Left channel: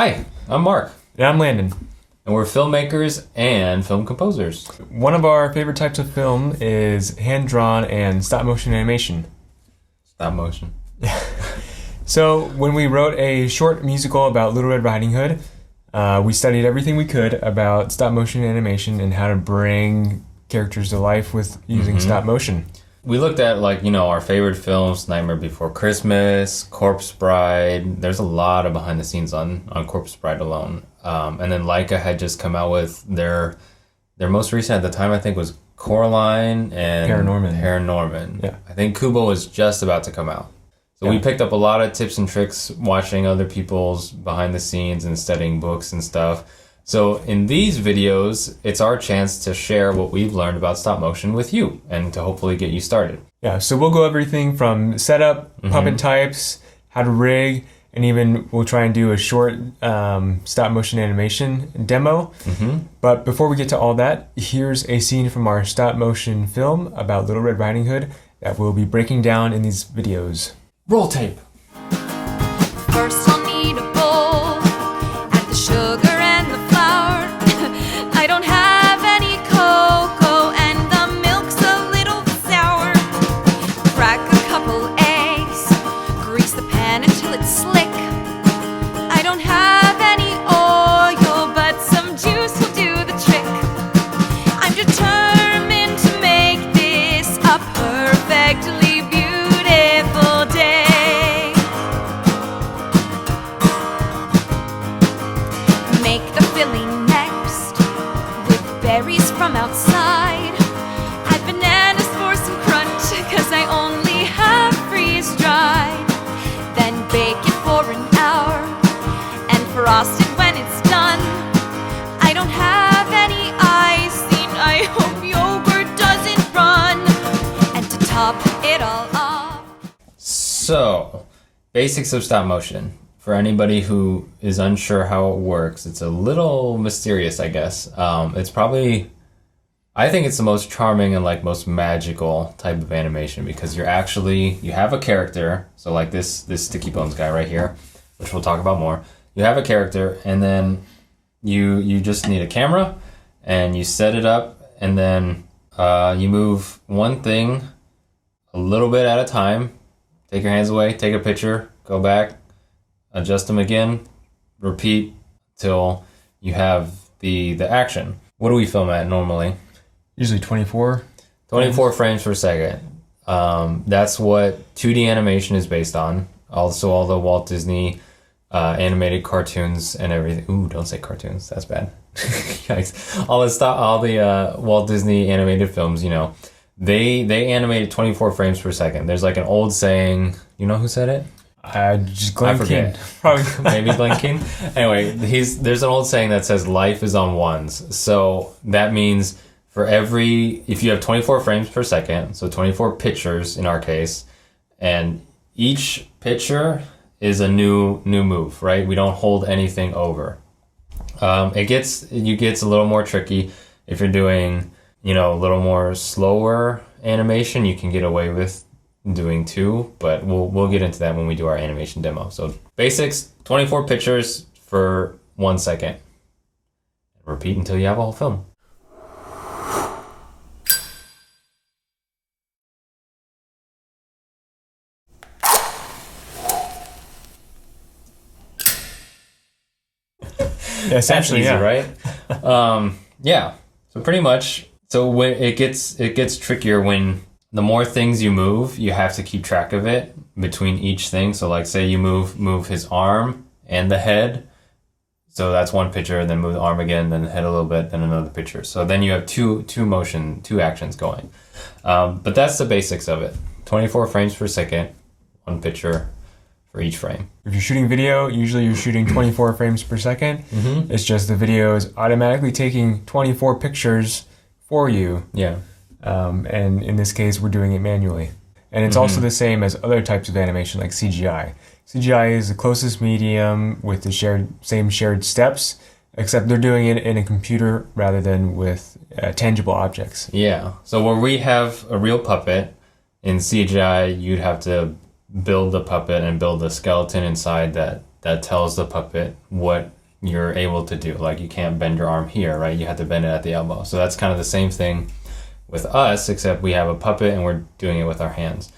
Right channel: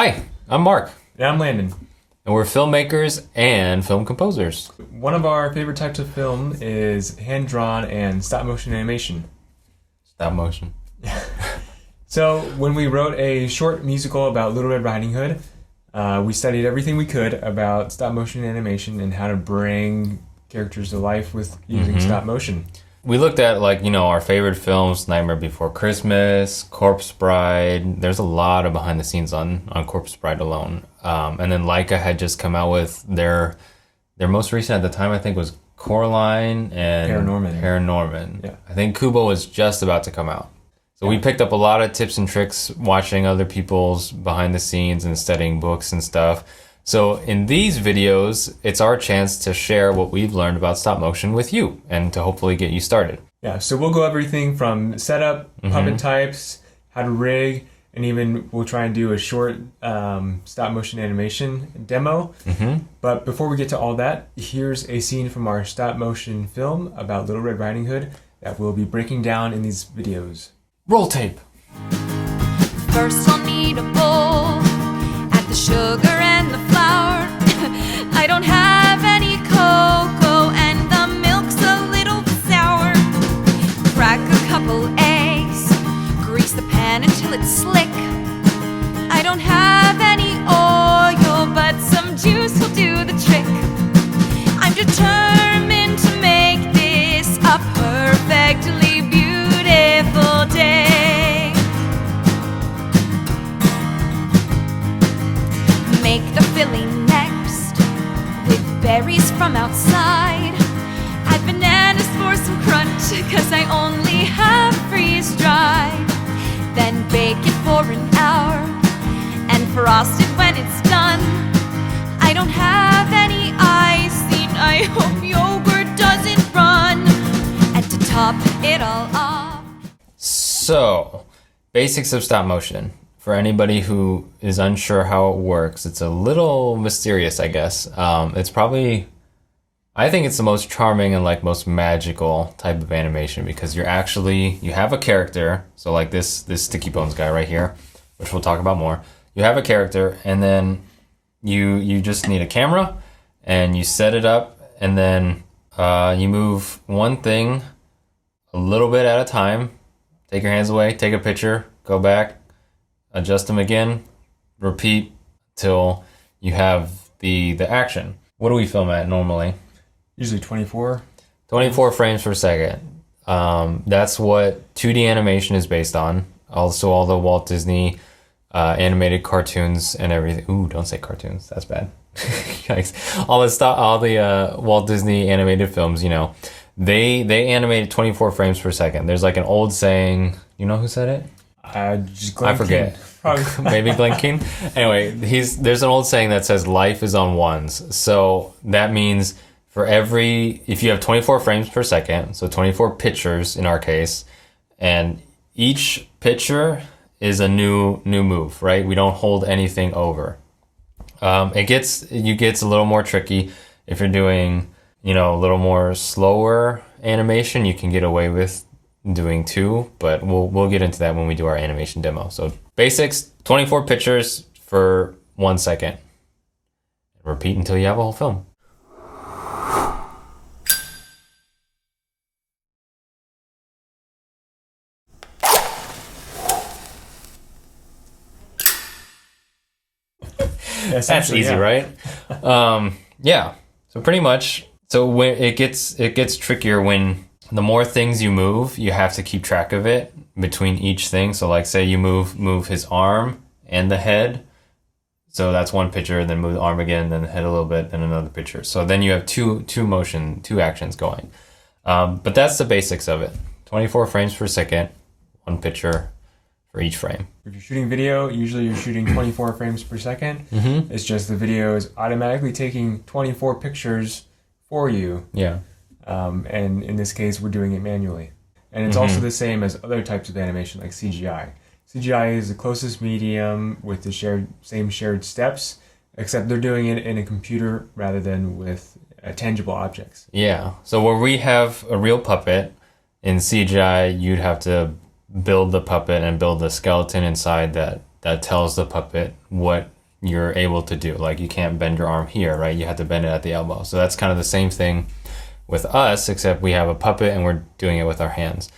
Hi, I'm Mark, And I'm Landon. and we're filmmakers and film composers. One of our favorite types of film is hand-drawn and stop-motion animation. Stop motion. So when we wrote a short musical about Little Red Riding Hood, we studied everything we could about stop-motion animation and how to bring characters to life with using stop-motion. We looked at our favorite films, Nightmare Before Christmas, Corpse Bride. There's a lot of behind the scenes on Corpse Bride alone. And then Leica had just come out with their most recent at the time, I think, was Coraline and Paranorman. Yeah. I think Kubo was just about to come out. So we picked up a lot of tips and tricks watching other people's behind the scenes and studying books and stuff. So in these videos, it's our chance to share what we've learned about stop motion with you and to hopefully get you started. Yeah, so we'll go everything from setup, puppet types, how to rig, and even we'll try and do a short stop-motion animation demo. But before we get to all that, here's a scene from our stop-motion film about Little Red Riding Hood that we'll be breaking down in these videos. Roll tape. First I'll need a bowl, add the sugar and the flour. I don't have any cocoa and the milk's a little sour. Crack a couple eggs, grease the pan until it's slick. I don't have any oil, but some juice will do the trick. I'm determined to make this a perfectly beautiful day. Make the filling next with berries from outside. Add bananas for some crunch, cause I only have freeze-dried. Then bake it for an hour and frost it when it's done. I don't have any icing, I hope yogurt doesn't run. And to top it all off, So, basics of stop motion. For anybody who is unsure how it works, it's a little mysterious, I guess. It's probably, I think it's the most charming and most magical type of animation because you have a character. So like this Sticky Bones guy right here, which we'll talk about more. You have a character and then you just need a camera and you set it up and then you move one thing a little bit at a time. Take your hands away, take a picture, go back, adjust them again, repeat till you have the action. What do we film at normally? Usually 24. 24 frames per second. That's what 2D animation is based on. Also all the Walt Disney animated cartoons and everything. Ooh, don't say cartoons. That's bad. Yikes. All the Walt Disney animated films, they animated 24 frames per second. There's an old saying, you know who said it? I forget. Probably. Maybe Glenn King. Anyway, there's an old saying that says life is on ones. So that means if you have 24 frames per second, so 24 pictures in our case, and each picture is a new move, right? We don't hold anything over. It gets a little more tricky if you're doing, a little more slower animation. You can get away with doing 2, but we'll get into that when we do our animation demo. So basics, 24 pictures for 1 second. Repeat until you have a whole film. Yeah, That's easy, right? Yeah. So pretty much. So when it gets trickier when the more things you move, you have to keep track of it between each thing. So say you move his arm and the head. So that's one picture, then move the arm again, then the head a little bit, then another picture. So then you have two actions going. But that's the basics of it. 24 frames per second, one picture for each frame. If you're shooting video, usually you're shooting 24 frames per second. It's just the video is automatically taking 24 pictures for you. Yeah. And in this case, we're doing it manually. And it's also the same as other types of animation like CGI. CGI is the closest medium with the same shared steps, except they're doing it in a computer rather than with tangible objects. Yeah. So where we have a real puppet, in CGI, you'd have to build the puppet and build the skeleton inside that that tells the puppet what you're able to do. Like, you can't bend your arm here, right? You have to bend it at the elbow. So that's kind of the same thing with us, except we have a puppet and we're doing it with our hands.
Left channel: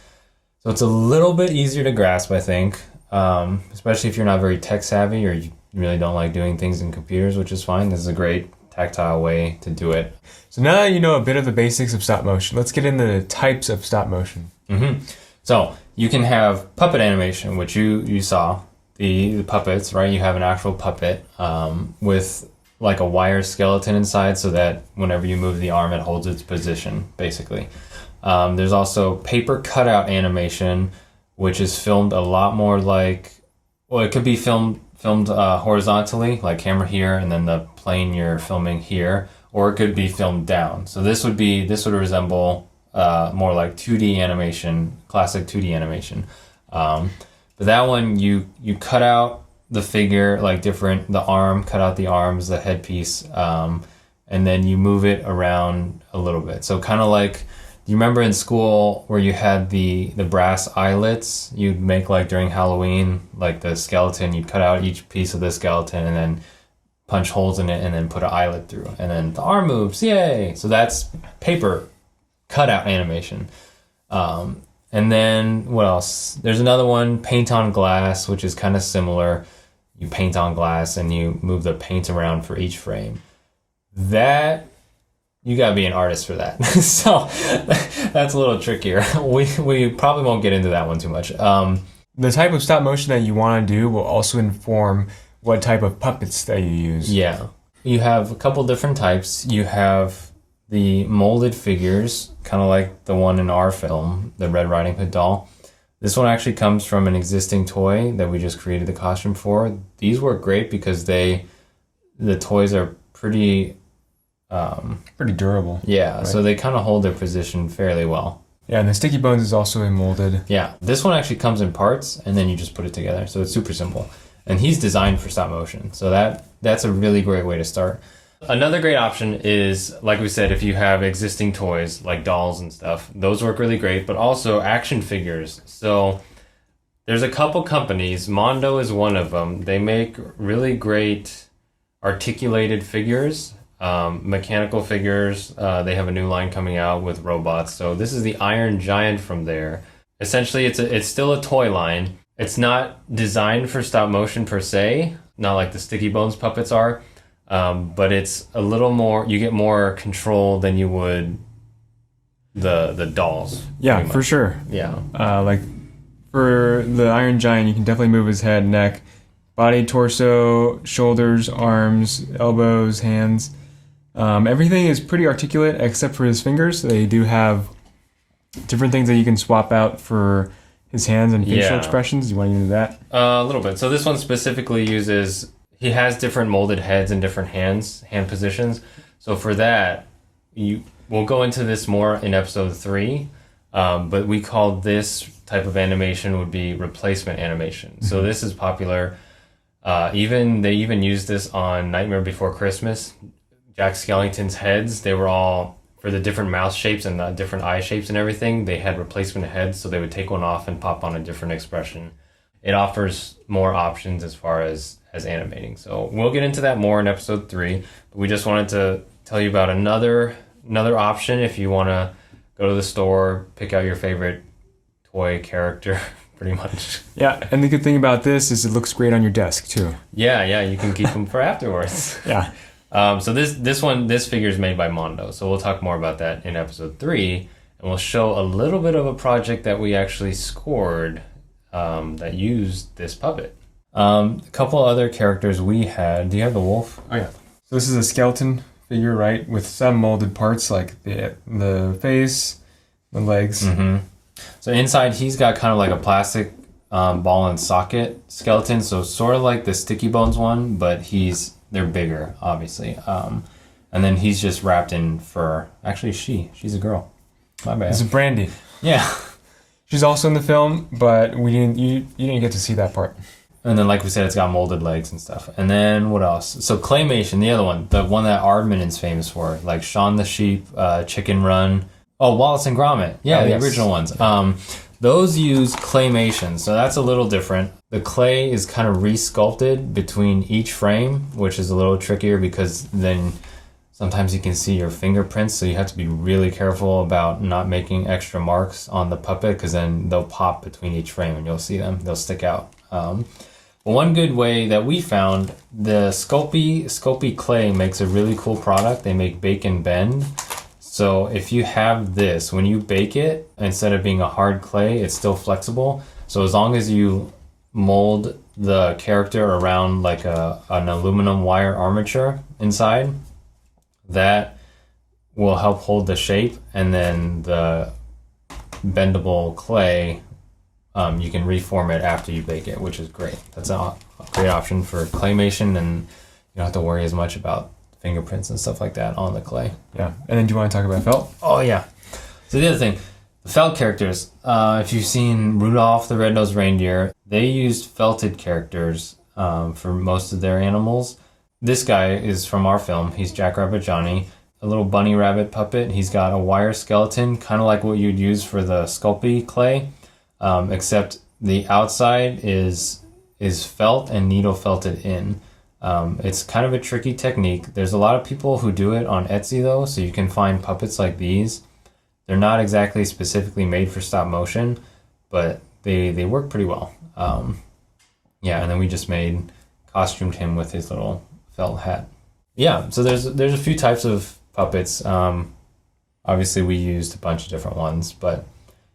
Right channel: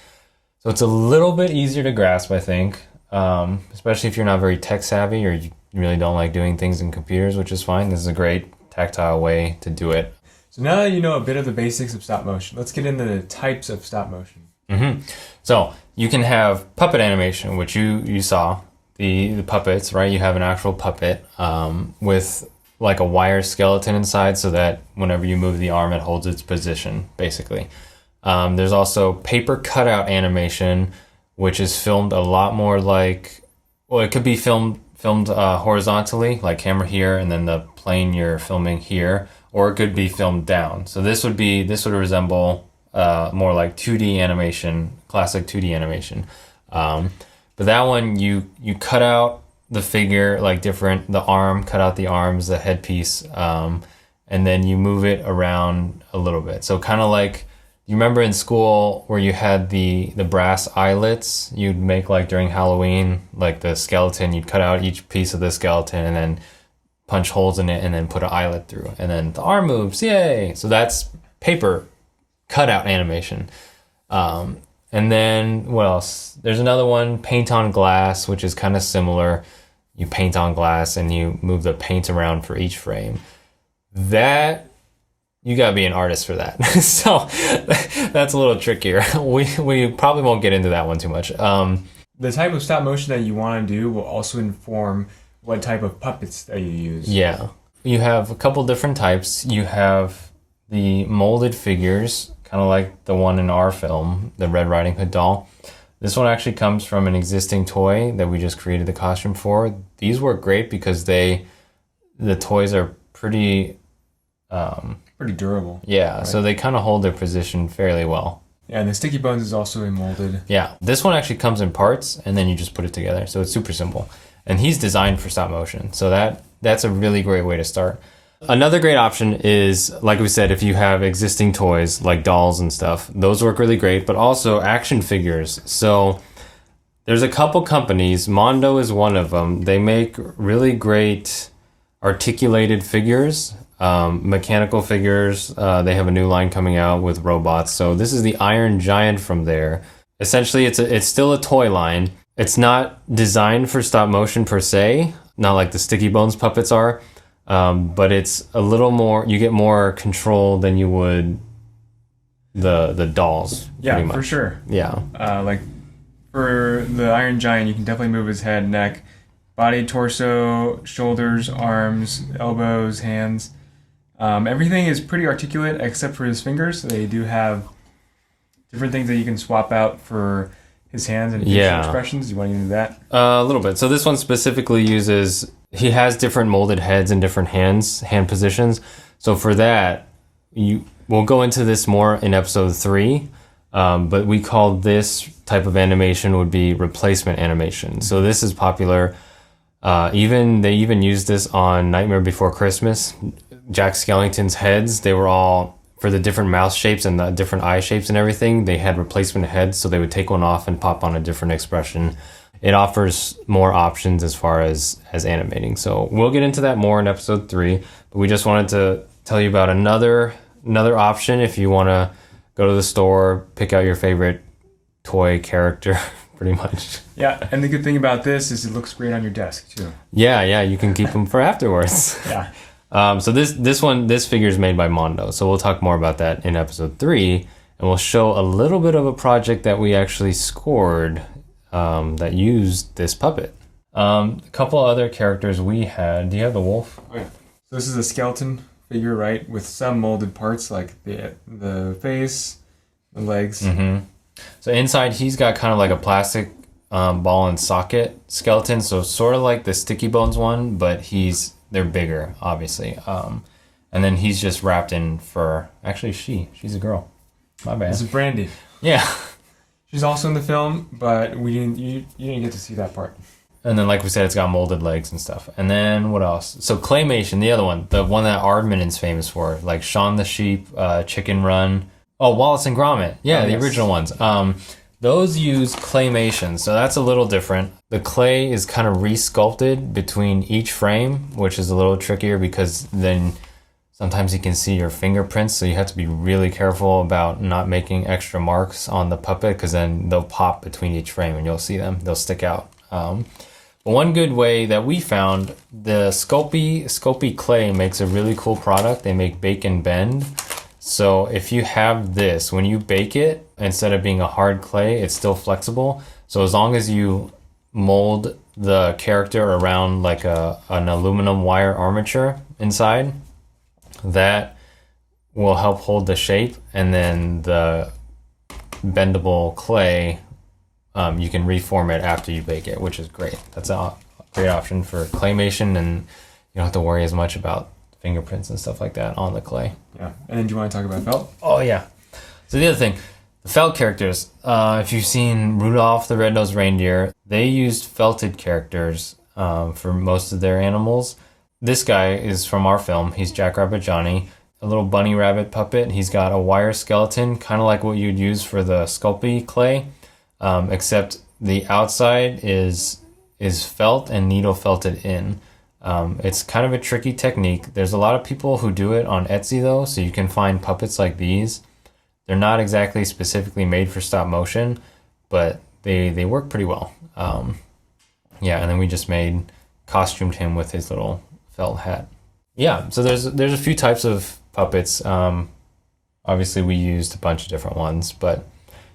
So it's a little bit easier to grasp, I think, especially if you're not very tech savvy or you really don't like doing things in computers, which is fine. This is a great tactile way to do it. So now that you know a bit of the basics of stop motion, let's get into the types of stop motion. So you can have puppet animation, which you saw, the puppets, right? You have an actual puppet with like a wire skeleton inside so that whenever you move the arm, it holds its position, basically. There's also paper cutout animation, which is filmed a lot more like, well, it could be filmed horizontally, like camera here, and then the plane you're filming here, or it could be filmed down. So this would resemble more like 2D animation, classic 2D animation. But that one, you cut out the figure, like the arm, cut out the arms, the headpiece, and then you move it around a little bit. So kind of like, you remember in school where you had the brass eyelets you'd make like during Halloween, like the skeleton, you'd cut out each piece of the skeleton and then punch holes in it and then put an eyelet through. And then the arm moves, yay! So that's paper cutout animation. And then what else? There's another one, paint on glass, which is kind of similar. You paint on glass and you move the paint around for each frame. That, you gotta be an artist for that. So that's a little trickier. We probably won't get into that one too much. The type of stop motion that you want to do will also inform what type of puppets that you use. Yeah. You have a couple different types. You have the molded figures, kind of like the one in our film, the Red Riding Hood doll. This one actually comes from an existing toy that we just created the costume for. These work great because the toys are pretty durable. Yeah, right? So they kind of hold their position fairly well. Yeah, and the sticky bones is also molded. Yeah, this one actually comes in parts and then you just put it together. So it's super simple. And he's designed for stop motion. So that's a really great way to start. Another great option is, like we said, if you have existing toys like dolls and stuff, those work really great, but also action figures. So there's a couple companies, Mondo is one of them. They make really great articulated figures, mechanical figures. They have a new line coming out with robots. So this is the Iron Giant from there. Essentially, it's still a toy line. It's not designed for stop motion per se, not like the Sticky Bones puppets are. But it's a little more, you get more control than you would the dolls. Yeah, for sure. Yeah. Like for the Iron Giant, you can definitely move his head, neck, body, torso, shoulders, arms, elbows, hands. Everything is pretty articulate except for his fingers. They do have different things that you can swap out for his hands and facial expressions. You want to do that? A little bit. So this one specifically uses, he has different molded heads and different hand positions. So for that, we'll go into this more in episode 3. But we call this type of animation would be replacement animation. So this is popular. They even used this on Nightmare Before Christmas. Jack Skellington's heads, they were all, for the different mouth shapes and the different eye shapes and everything, they had replacement heads, so they would take one off and pop on a different expression. It offers more options as far as animating. So we'll get into that more in episode 3, but we just wanted to tell you about another option if you want to go to the store, pick out your favorite toy character, pretty much. Yeah, and the good thing about this is it looks great on your desk too. Yeah, you can keep them for afterwards. Yeah. So this figure is made by Mondo. So we'll talk more about that in episode 3, and we'll show a little bit of a project that we actually scored that used this puppet. A couple other characters we had. Do you have the wolf? Oh yeah. So this is a skeleton figure, right, with some molded parts like the face, the legs. Mm-hmm. So inside he's got kind of like a plastic ball and socket skeleton. So sort of like the Sticky Bones one, but they're bigger, obviously. And then he's just wrapped in fur. Actually, she's a girl. My bad. This is Brandy. Yeah. She's also in the film, but you didn't get to see that part. And then, like we said, it's got molded legs and stuff. And then what else? So Claymation, the other one, the one that Aardman is famous for, like Shaun the Sheep, Chicken Run. Oh, Wallace and Gromit. Yeah, the original ones. Those use claymation, so that's a little different. The clay is kind of re-sculpted between each frame, which is a little trickier because then sometimes you can see your fingerprints, so you have to be really careful about not making extra marks on the puppet because then they'll pop between each frame and you'll see them. They'll stick out. But one good way that we found, the Sculpey clay makes a really cool product. They make bake and bend. So if you have this, when you bake it, instead of being a hard clay, it's still flexible. So as long as you mold the character around like an aluminum wire armature inside, that will help hold the shape, and then the bendable clay, you can reform it after you bake it, which is great. That's a great option for claymation, and you don't have to worry as much about fingerprints and stuff like that on the clay. Yeah. And then do you want to talk about felt? Oh yeah. So the other thing, the felt characters, if you've seen Rudolph the Red-Nosed Reindeer, they used felted characters for most of their animals. This guy is from our film. He's Jackrabbit Johnny, a little bunny rabbit puppet. He's got a wire skeleton, kind of like what you'd use for the Sculpey clay, except the outside is felt and needle felted in. It's kind of a tricky technique. There's a lot of people who do it on Etsy though, so you can find puppets like these. They're not exactly specifically made for stop motion, but they work pretty well. Yeah, and then we just costumed him with his little felt hat. Yeah, so there's a few types of puppets. Obviously we used a bunch of different ones, but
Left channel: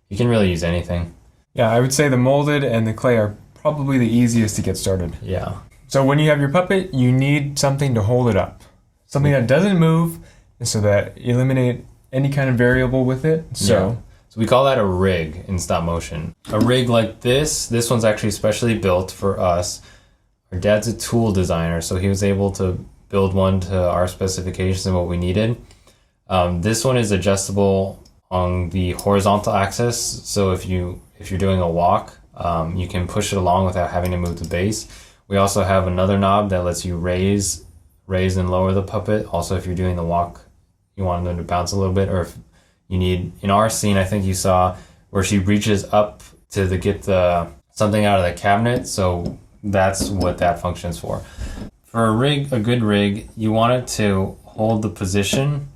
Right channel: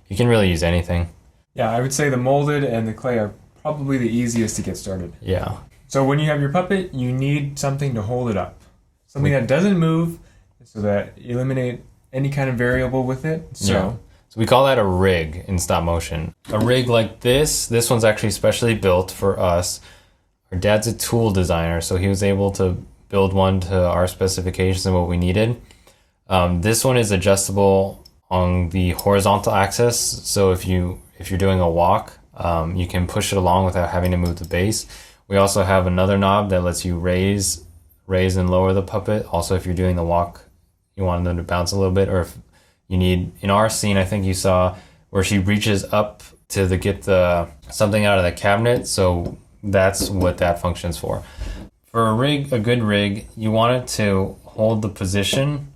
you can really use anything. Yeah, I would say the molded and the clay are probably the easiest to get started. Yeah. So when you have your puppet, you need something to hold it up. Something that doesn't move, so that you eliminate any kind of variable with it. So we call that a rig in stop motion. A rig like this one's actually specially built for us. Our dad's a tool designer, so he was able to build one to our specifications and what we needed. This one is adjustable on the horizontal axis, so if you're doing a walk, you can push it along without having to move the base. We also have another knob that lets you raise and lower the puppet. Also, if you're doing the walk, you want them to bounce a little bit, or if you need, in our scene, I think you saw where she reaches up to get something out of the cabinet, so that's what that functions for. For a good rig, you want it to hold the position.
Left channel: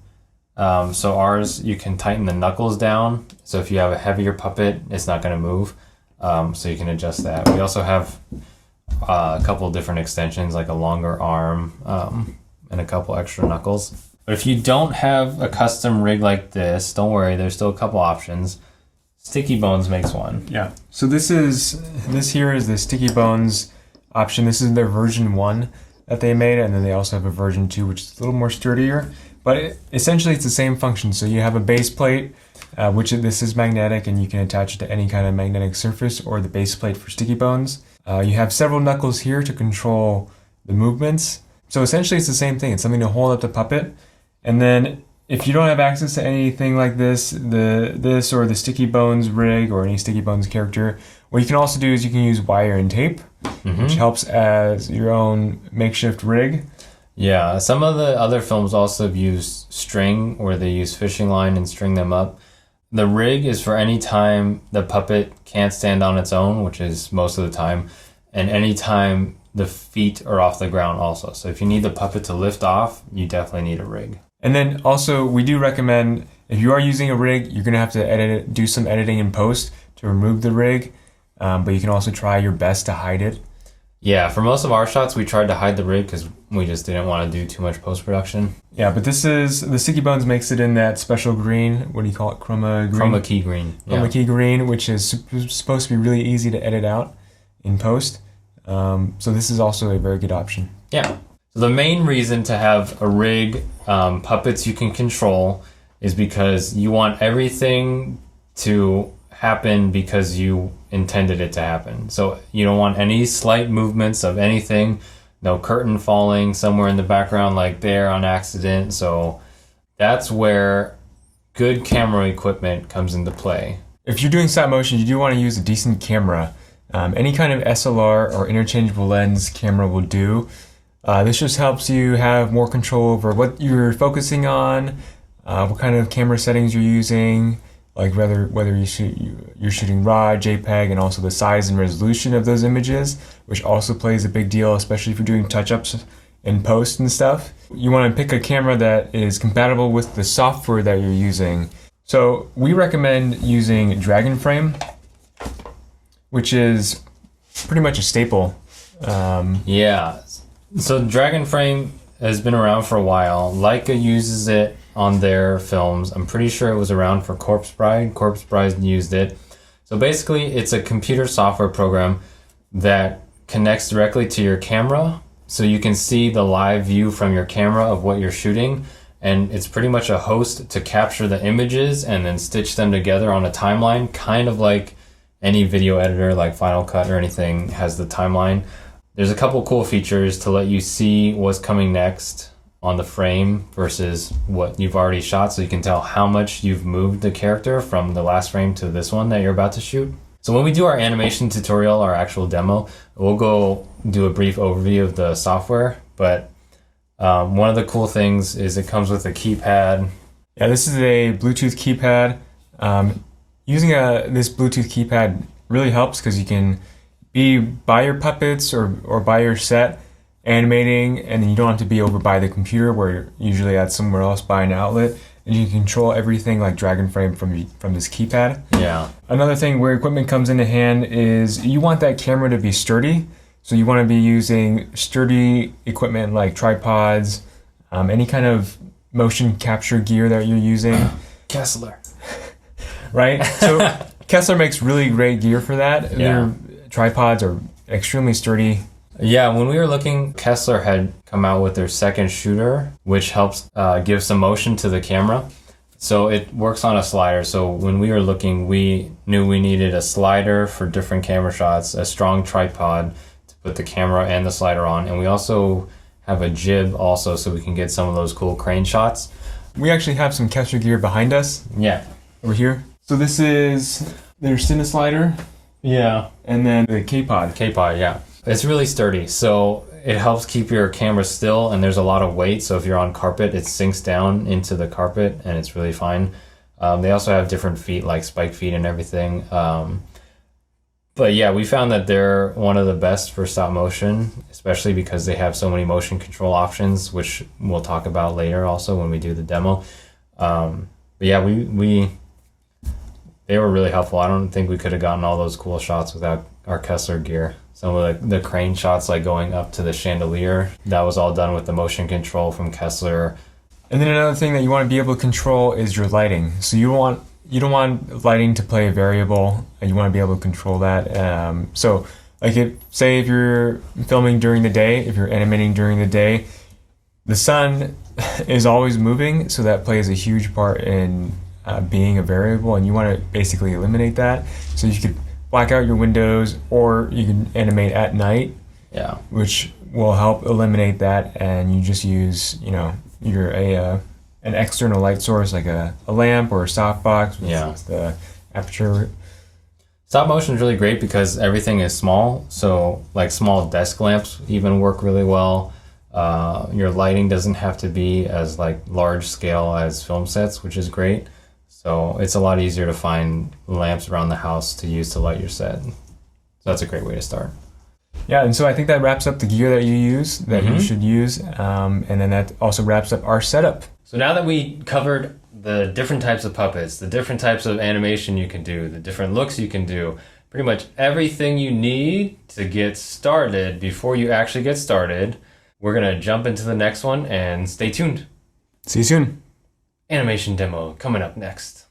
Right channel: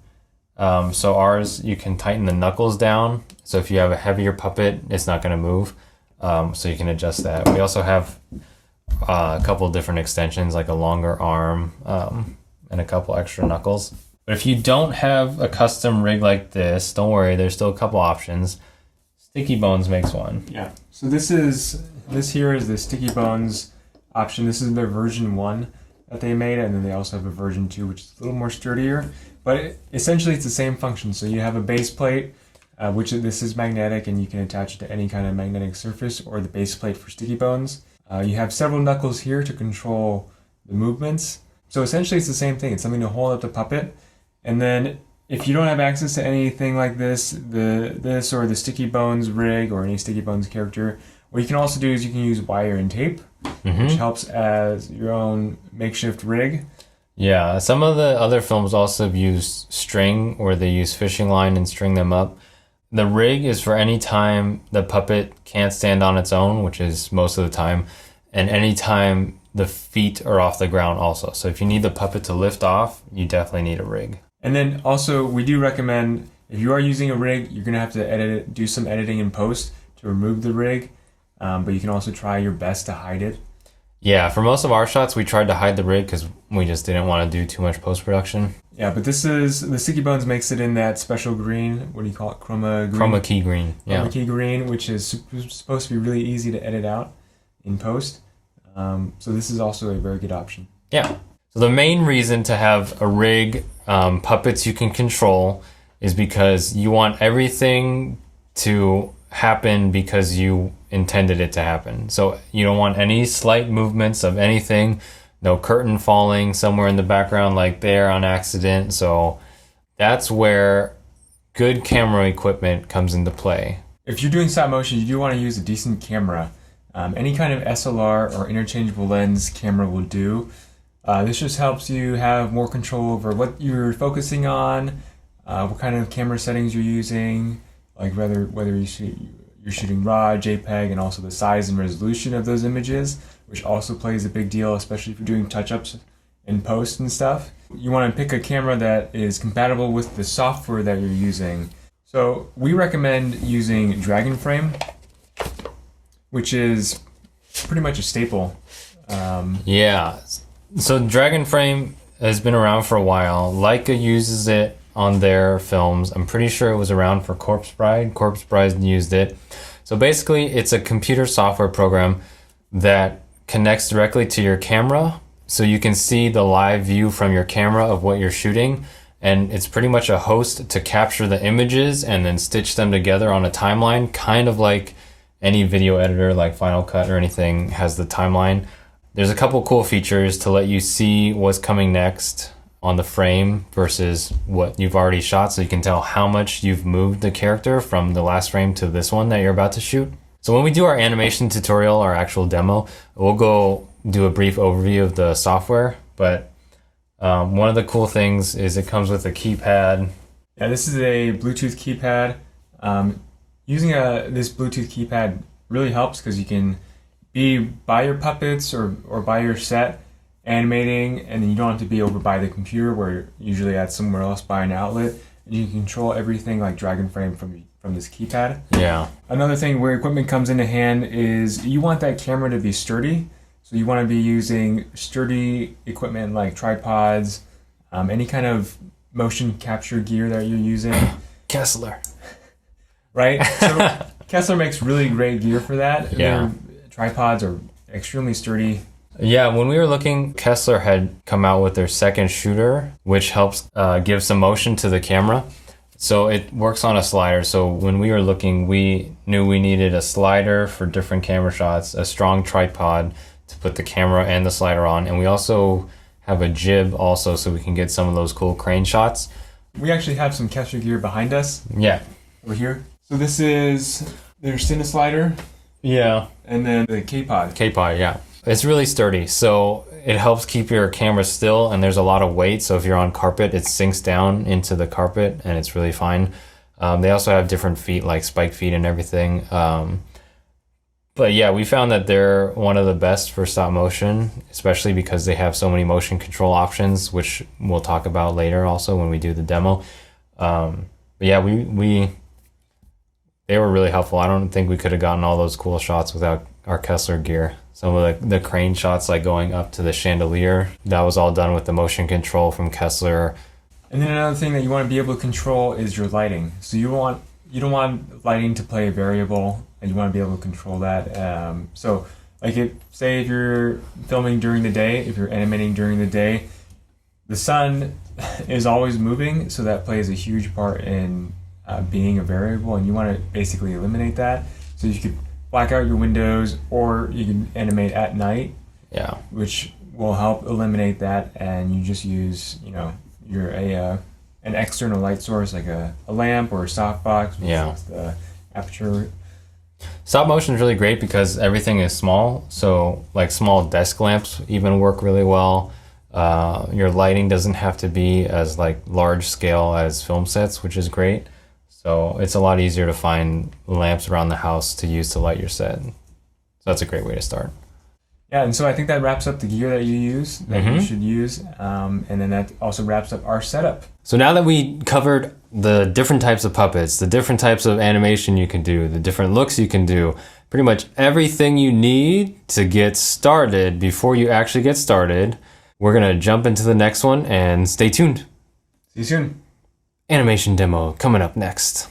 So ours, you can tighten the knuckles down. So if you have a heavier puppet, it's not going to move. So you can adjust that. We also have a couple different extensions, like a longer arm and a couple extra knuckles. But if you don't have a custom rig like this, don't worry, there's still a couple options. Sticky Bones makes one. Yeah. So this here is the Sticky Bones option. This is their version 1 that they made, and then they also have a version 2, which is a little more sturdier. But essentially, it's the same function. So you have a base plate, which this is magnetic, and you can attach it to any kind of magnetic surface, or the base plate for Sticky Bones. You have several knuckles here to control the movements. So essentially, it's the same thing. It's something to hold up the puppet. And then if you don't have access to anything like this or the Sticky Bones rig or any Sticky Bones character, what you can also do is you can use wire and tape, which helps as your own makeshift rig. Yeah, some of the other films also have used string, where they use fishing line and string them up. The rig is for any time the puppet can't stand on its own, which is most of the time, and any time the feet are off the ground also. So if you need the puppet to lift off, you definitely need a rig. And then also, we do recommend, if you are using a rig, you're going to have to do some editing in post to remove the rig, but you can also try your best to hide it. Yeah, for most of our shots, we tried to hide the rig because we just didn't want to do too much post-production. Yeah, but the Sticky Bones makes it in that special green. What do you call it? Chroma green? Chroma key green. Yeah. Chroma key green, which is supposed to be really easy to edit out in post. So this is also a very good option. Yeah. So the main reason to have a rig, puppets you can control, is because you want everything to happen because you intended it to happen. So you don't want any slight movements of anything, no curtain falling somewhere in the background like there on accident. So that's where good camera equipment comes into play. If you're doing stop motion, you do want to use a decent camera. Any kind of SLR or interchangeable lens camera will do. This just helps you have more control over what you're focusing on, what kind of camera settings you're using, like whether you're shooting RAW, JPEG, and also the size and resolution of those images, which also plays a big deal, especially if you're doing touch-ups in post and stuff. You want to pick a camera that is compatible with the software that you're using. So we recommend using Dragon Frame, which is pretty much a staple. Yeah. So Dragon Frame has been around for a while. Leica uses it on their films. I'm pretty sure it was around for Corpse Bride. Corpse Bride used it. So basically, it's a computer software program that connects directly to your camera, so you can see the live view from your camera of what you're shooting. And it's pretty much a host to capture the images and then stitch them together on a timeline, kind of like any video editor like Final Cut or anything has the timeline. There's a couple cool features to let you see what's coming next on the frame versus what you've already shot, so you can tell how much you've moved the character from the last frame to this one that you're about to shoot. So when we do our animation tutorial, our actual demo, we'll go do a brief overview of the software, but one of the cool things is it comes with a keypad. Yeah, this is a Bluetooth keypad. Using this Bluetooth keypad really helps because you can be by your puppets or by your set animating, and then you don't have to be over by the computer where you're usually at somewhere else by an outlet, and you can control everything like Dragon Frame from this keypad. Yeah. Another thing where equipment comes into hand is you want that camera to be sturdy. So you want to be using sturdy equipment like tripods, any kind of motion capture gear that you're using. Kessler. Right? So Kessler makes really great gear for that. Yeah. Their tripods are extremely sturdy. Yeah, when we were looking, Kessler had come out with their second shooter, which helps give some motion to the camera. So it works on a slider. So when we were looking, we knew we needed a slider for different camera shots, a strong tripod to put the camera and the slider on. And we also have a jib also, so we can get some of those cool crane shots. We actually have some Kessler gear behind us. Yeah. Over here. So this is their Cine slider. Yeah. And then the K-Pod. K-Pod, yeah. It's really sturdy, so it helps keep your camera still, and there's a lot of weight, so if you're on carpet, it sinks down into the carpet, and it's really fine. They also have different feet, like spike feet and everything. But yeah, we found that they're one of the best for stop motion, especially because they have so many motion control options, which we'll talk about later also when we do the demo. But yeah, they were really helpful. I don't think we could have gotten all those cool shots without our Kessler gear. Some of the crane shots, like going up to the chandelier, that was all done with the motion control from Kessler. And then another thing that you want to be able to control is your lighting. So you don't want lighting to play a variable, and you want to be able to control that. So like say if you're filming during the day, if you're animating during the day, the sun is always moving, so that plays a huge part in being a variable, and you want to basically eliminate that. So you could black out your windows, or you can animate at night. Yeah. Which will help eliminate that, and you just use, an external light source like a lamp or a softbox with the aperture. Stop motion is really great because everything is small, so like small desk lamps even work really well. Your lighting doesn't have to be as like large scale as film sets, which is great. So it's a lot easier to find lamps around the house to use to light your set. So that's a great way to start. Yeah, and so I think that wraps up the gear that you use, that you should use, and then that also wraps up our setup. So now that we covered the different types of puppets, the different types of animation you can do, the different looks you can do, pretty much everything you need to get started before you actually get started, we're going to jump into the next one, and stay tuned. See you soon. Animation demo coming up next.